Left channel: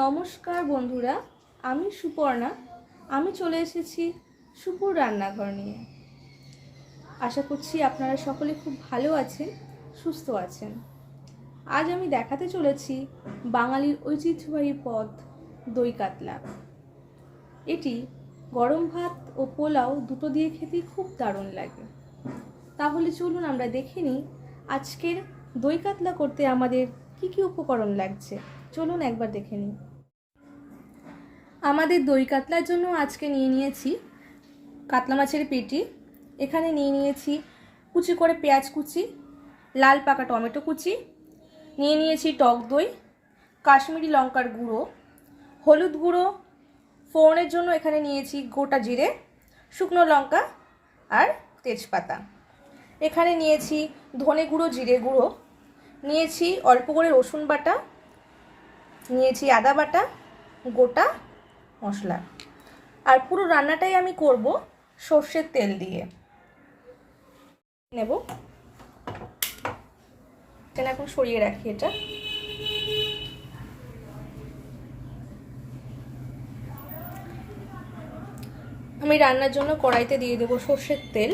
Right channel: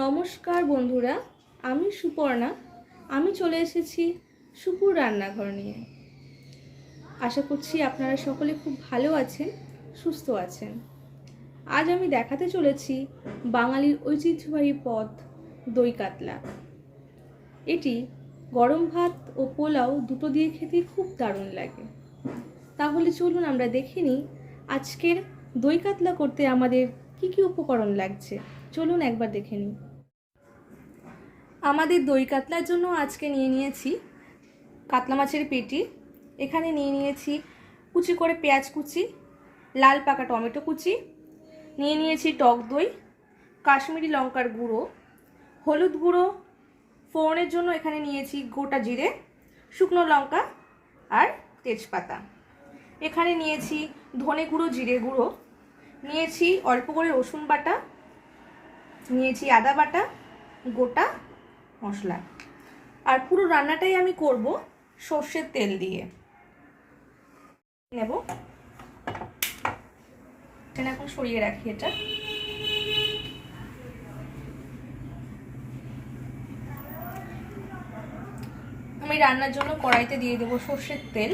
নমস্কার বন্ধুরা, আমি সুপর্ণা। আমি চলে এসেছি সুপুর রান্নাঘর নিয়ে। আশা করছি আপনারা সকলে খুব ভালো আছেন, সুস্থ আছেন। আজ আমি দেখাতে চলেছি বাঙালির ঐতিহ্যবাহী পদ, দই কাতলা। এটি গরম ভাত ও পোলাও দুটো দিয়ে খেতে খুব দারুণ লাগে। তাহলে চলুন আমরা দেখে নিই আজকের দই কাতলা করতে আমাদের কি কি উপকরণ লাগছে। চলুন একবার দেখে নিই। আমাদের দই কাতলার জন্য আজকে নিয়ে নিয়েছি কাতলা মাছের পেটি, এখানে নিয়ে নিয়েছি কুচি করে পেঁয়াজ কুচি, লাল পাকা টমেটো কুচি, নিয়ে নিয়েছি টক দই, কাশ্মীরি লঙ্কার গুঁড়ো, হলুদ গুঁড়ো ফোড়নের জন্য এখানে নিয়েছি গোটা জিরে, শুকনো লঙ্কা আর তেজপাতা। এখানে নিয়েছি ধনে গুঁড়ো, জিরে গুঁড়ো। নিয়েছি অল্প করে রসুন বাটা। নিয়েছি আদা বাটা, গোটা মশলা। আর পুরো রান্নাটাই আমি করব সর্ষের তেল দিয়ে। নেব। এখন সরিয়ে রাখি এটা। আমি রান্নার জন্য কড়াইতে দিয়ে দেবো সর্ষের তেল।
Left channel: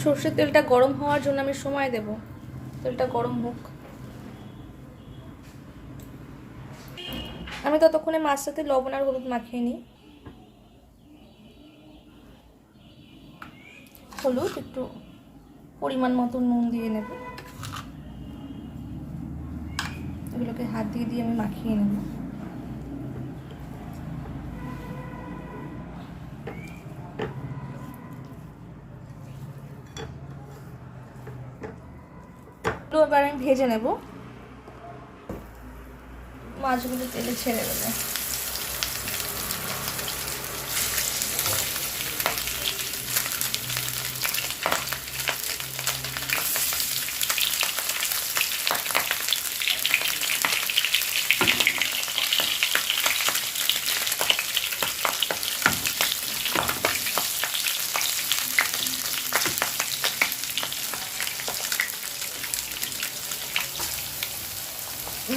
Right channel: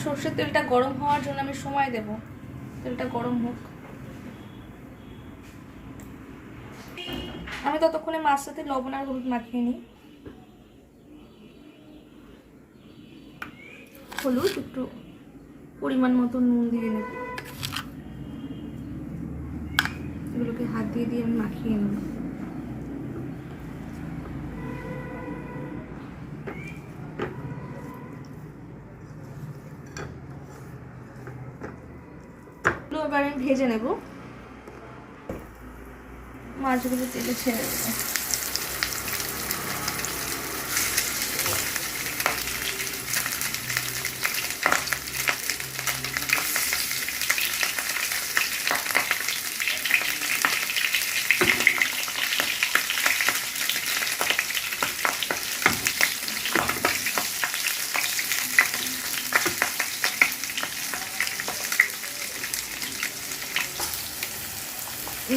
সর্ষের তেলটা গরম হওয়ার জন্য আমি সময় দেব। তেলটা গরম হোক। আমি ততক্ষণে মাছটাতে লবণ আর হলুদ মাখিয়ে নিই। হলুদ, একটু পরিমাণ মতো নুন দিয়ে নেব। এগুলোকে হাত দিয়ে দিয়ে আমি মাখিয়ে নেব। এবার আমি ভেজে নেব। মাছগুলো তেলে ছেড়ে দেবো।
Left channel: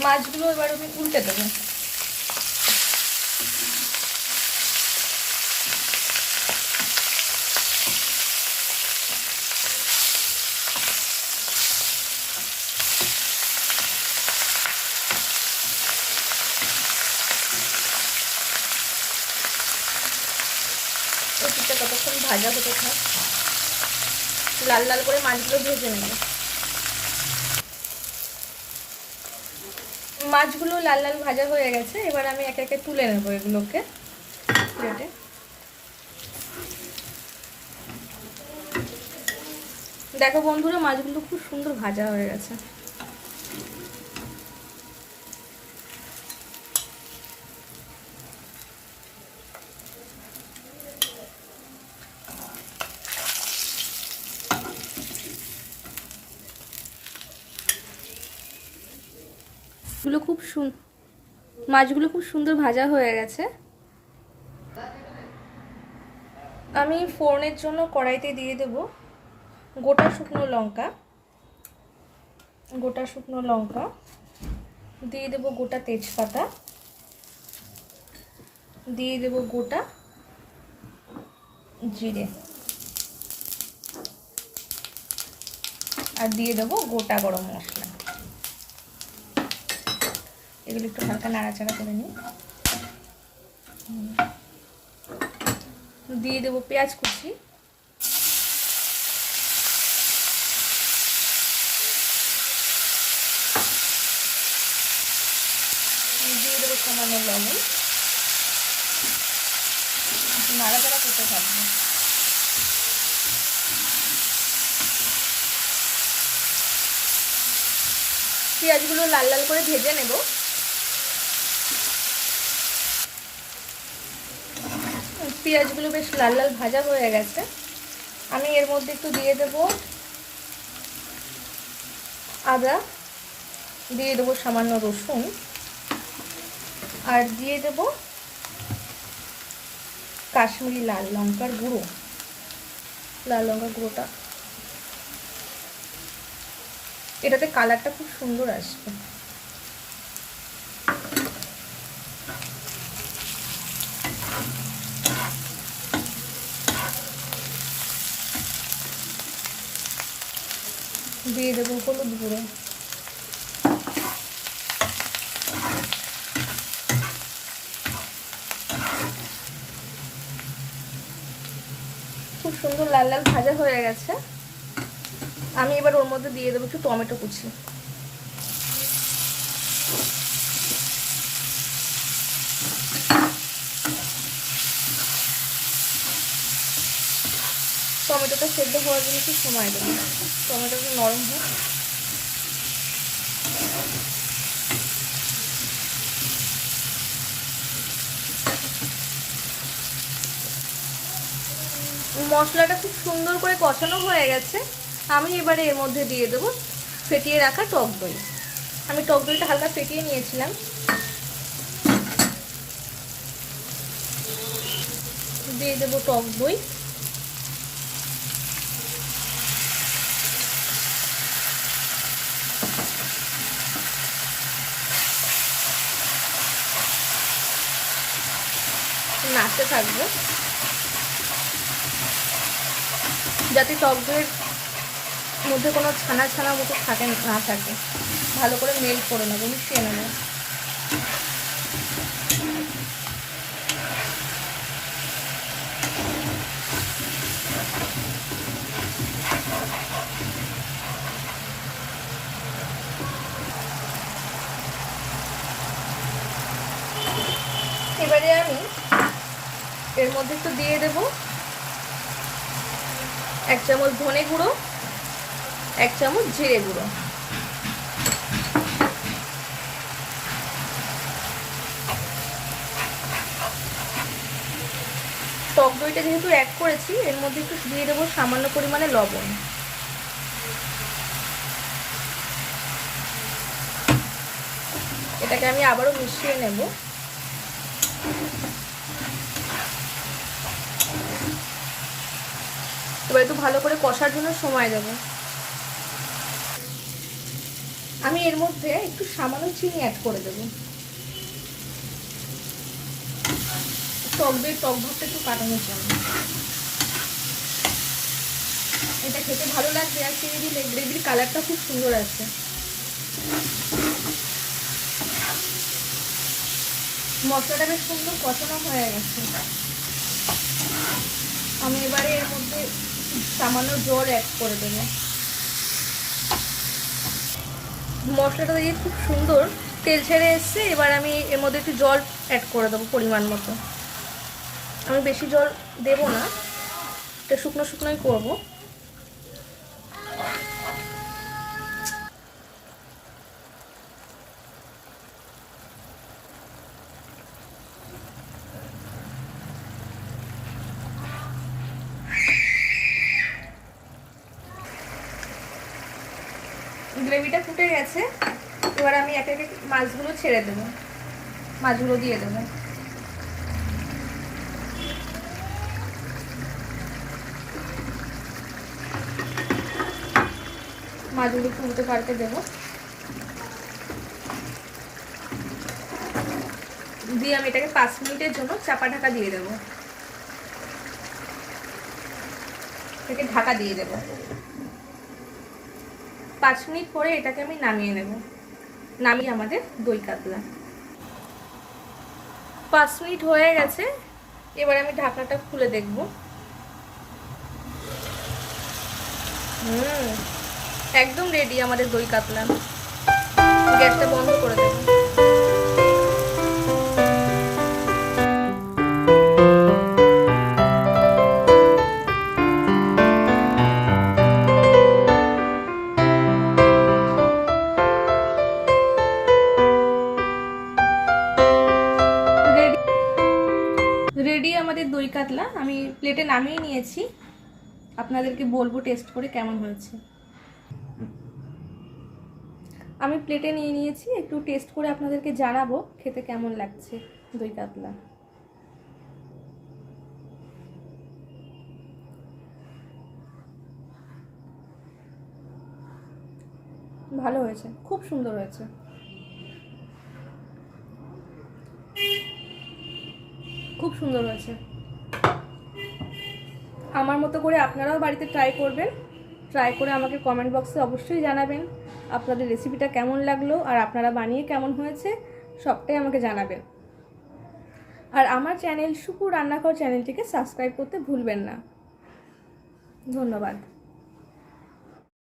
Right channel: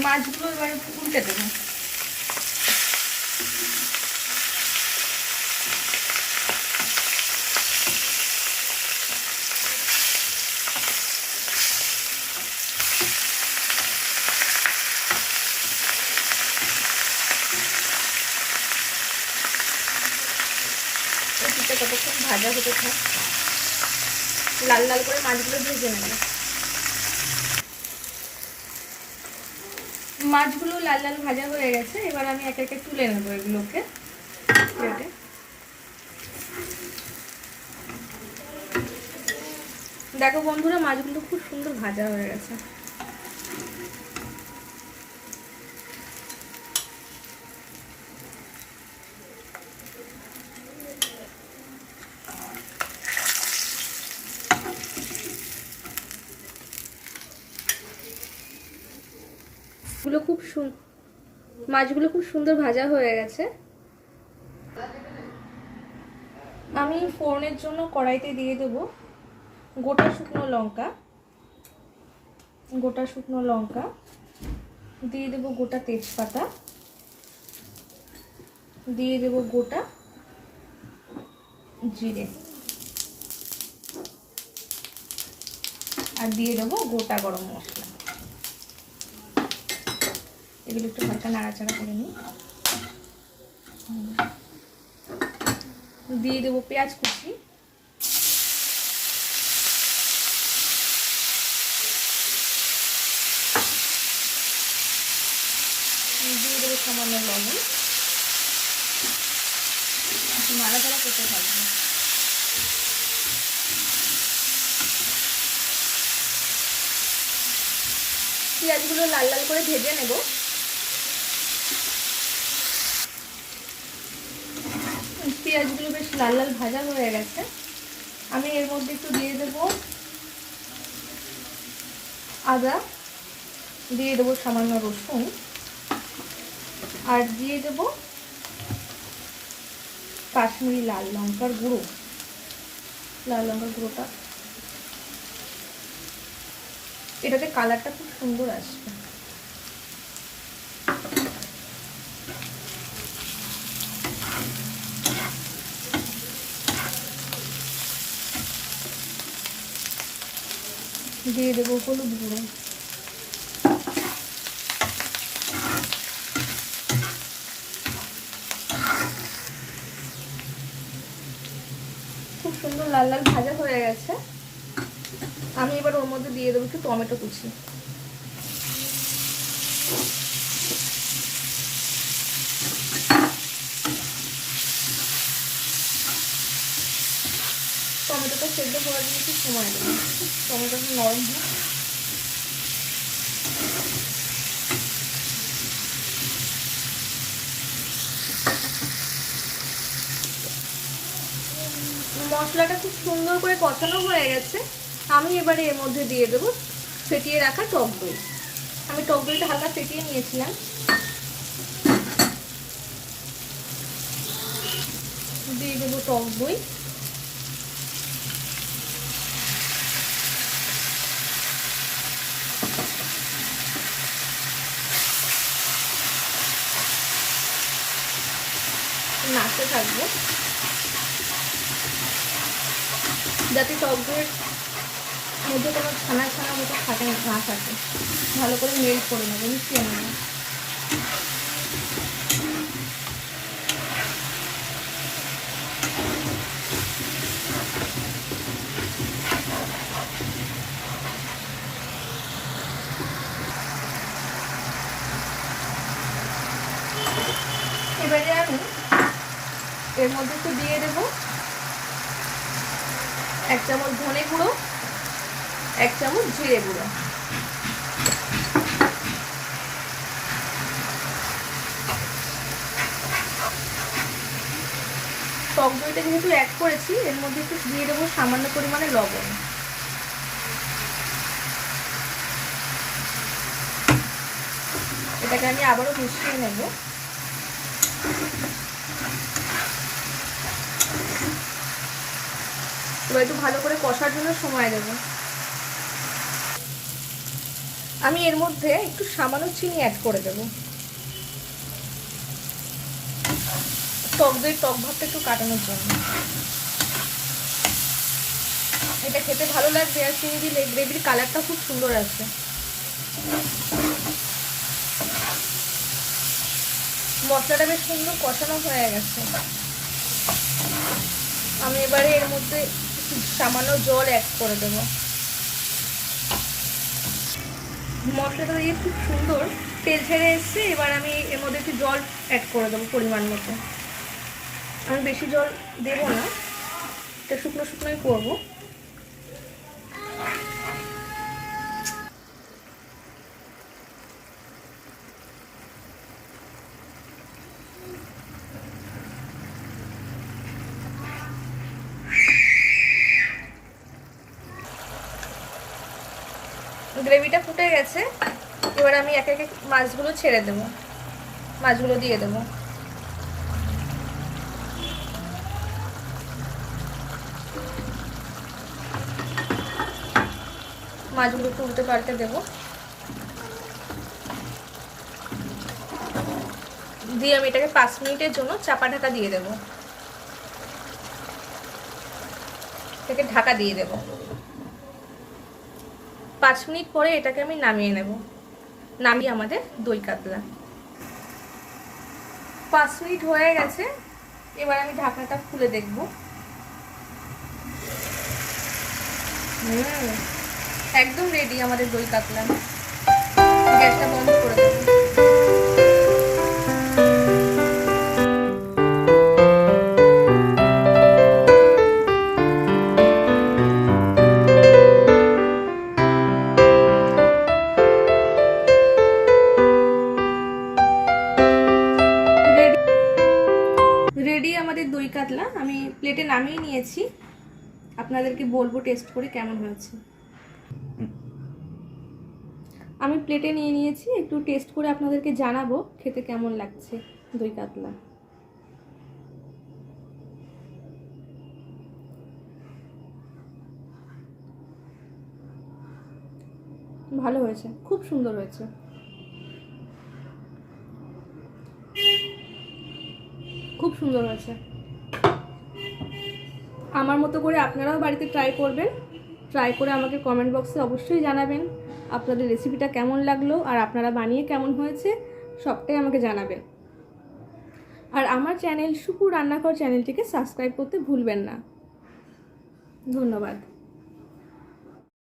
মাছগুলো এবার উল্টে দেবো। ভাজা হতে লাল লাল করে মাছগুলো ভেজে নেবে। মাছগুলো লাল লাল ভাজা হয়ে গেছে, এবার আমি একে একে তুলে নেব এগুলোকে। প্লেটে দেখো বন্ধুরা, মাছগুলো খুব সুন্দর ভাজা হয়ে গেছে। খুব মাছগুলো খুব সুন্দর ভাজা হয়ে গেছে। আমি ফোড়নের জন্য কড়াইতে দিয়ে দেব গোটা শুকনো লঙ্কা। গোটা শুকনো লঙ্কা। দিয়ে দেব গোটা তেজপাতা। দিয়ে দেব গোটা জিরে। আর দিয়ে দেবো গোটা গরম মশলা। এগুলো একটু হালকা নাড়াচাড়া করে নিই। দিয়ে দেবো পেঁয়াজ কুচি। দিয়ে দেবো সামান্য লবণ। নাড়াচাড়া করতে থাকবে। পেঁয়াজগুলো লাল লাল করে ভেজে নেব। পেঁয়াজগুলো বেশ লাল লাল ভাজা হয়ে গেছে। আমি এর মধ্যে একটু দিয়ে দেব আদা, দিয়ে দেবো সামান্য রসুন, আর দিয়ে দেব কাশ্মীরি লাল লঙ্কার গুঁড়ো। লাল লঙ্কার গুঁড়োটা। এটাতে কালারটা খুব সুন্দর আসবে। দিয়ে দেবো হলুদ গুঁড়ো খুব সুন্দর লাল লাল ভাজা হয়ে গেছে। আমি এবার ওর মধ্যে দিয়ে দেবো একটু টমেটো কুচি টমেটোটা সেদ্ধ হওয়ার জন্য একটু সময় দেবো টমেটোটা নরম হয় মশলাটা খুব সুন্দর করে কষানো হয়ে গেছে। আমি এবারে এর মধ্যে দিয়ে দেবো ফেটিয়ে রাখা টক দই। আমি টক দইটা হালকা ফেটিয়ে নিয়েছিলাম। দিয়ে দেবো টক দই। থাকব যাতে টক দইয়ের মধ্যে কোনো ছানা ছানা মতো থাকে না থাকে। ভালো করে মেল করে নেব, মিশিয়ে নেব। এবারে আমি এর মধ্যে একটু দিয়ে দেব। এক চামচ ধনে গুঁড়ো, এক চামচ জিরে গুঁড়ো। টক দইটা যেহেতু অ্যাড করেছি, এর মধ্যে একটু দিয়ে দেবো সামান্য পরিমাণে লবণ। এটাকে আমি আবারও মিশিয়ে নেব। এবার একটু ভালো করে কষার জন্য সময় দেব। আমি এর মধ্যে একটু সামান্য চিনি অ্যাড করে দেব। টক দই, টক ভাবটা একটু কাটানোর জন্য। এটা খেতে ভালো লাগবে, আর চিনি দিলে গ্রেভির কালারটা খুব সুন্দর আছে মশলাটা বেশ সুন্দর কষানো হয়ে গেছে। আমি এবারে এর মধ্যে সামান্য জল অ্যাড করে দেব। মশলাটা দিয়ে খুব সুন্দর তেল ছেড়ে এসছে, এবার আমি এর মধ্যে একটু জল অ্যাড করে দেবো পরিমাণ মতো। আমি বেশি জল দেব না, এটা শুকনো শুকনোই করব। গ্রেভিটা ফুটে গেছে, এবার আমি একে একে মাছগুলো ছেড়ে দেবো। মাছগুলো দিয়ে দেবো। মাছগুলো উল্টে পাল্টে দেবো। দিয়ে আমি এটাকে পাঁচ মিনিটের জন্য চাপা ঢাকা দিয়ে দেবো। এটাকে ঢাকা দিয়ে দেবো। মিনিট পরে এটাকে আমি নামিয়ে নেব। নামিয়ে আমাদের দই কাতলা। পাঁচ মিনিট হয়ে গেছে। এবার আমি ঢাকনাটা খুলে দেখব। হুম, একদম রেডি আমাদের দই কাতলা। গ্যাসটা বন্ধ করে দেবো আপনাদেরকে বলব টেস্ট করে কেমন হয়েছে? আমি প্লেটে নিয়ে নিয়েছি, একটু টেস্ট করে আপনাদেরকে জানাব খেতে কেমন লাগছে দই কাতলা। ভালো হয়েছে, খুব সুন্দর হয়েছে। খুব সুন্দর হয়েছে। আমার মতো করে আপনারাও বাড়িতে ট্রাই করবেন। ট্রাই করে আমাকে কমেন্ট বক্সে অবশ্যই জানাবেন আপনাদের রেসিপিটা কেমন লাগল আর আপনারা বানিয়ে কেমন হয়েছে সবটাই আমাকে জানাবেন। আর আমার চ্যানেল সুপুর রান্নাঘর চ্যানেলটিকে সাবস্ক্রাইব করতে ভুলবেন না। ধন্যবাদ।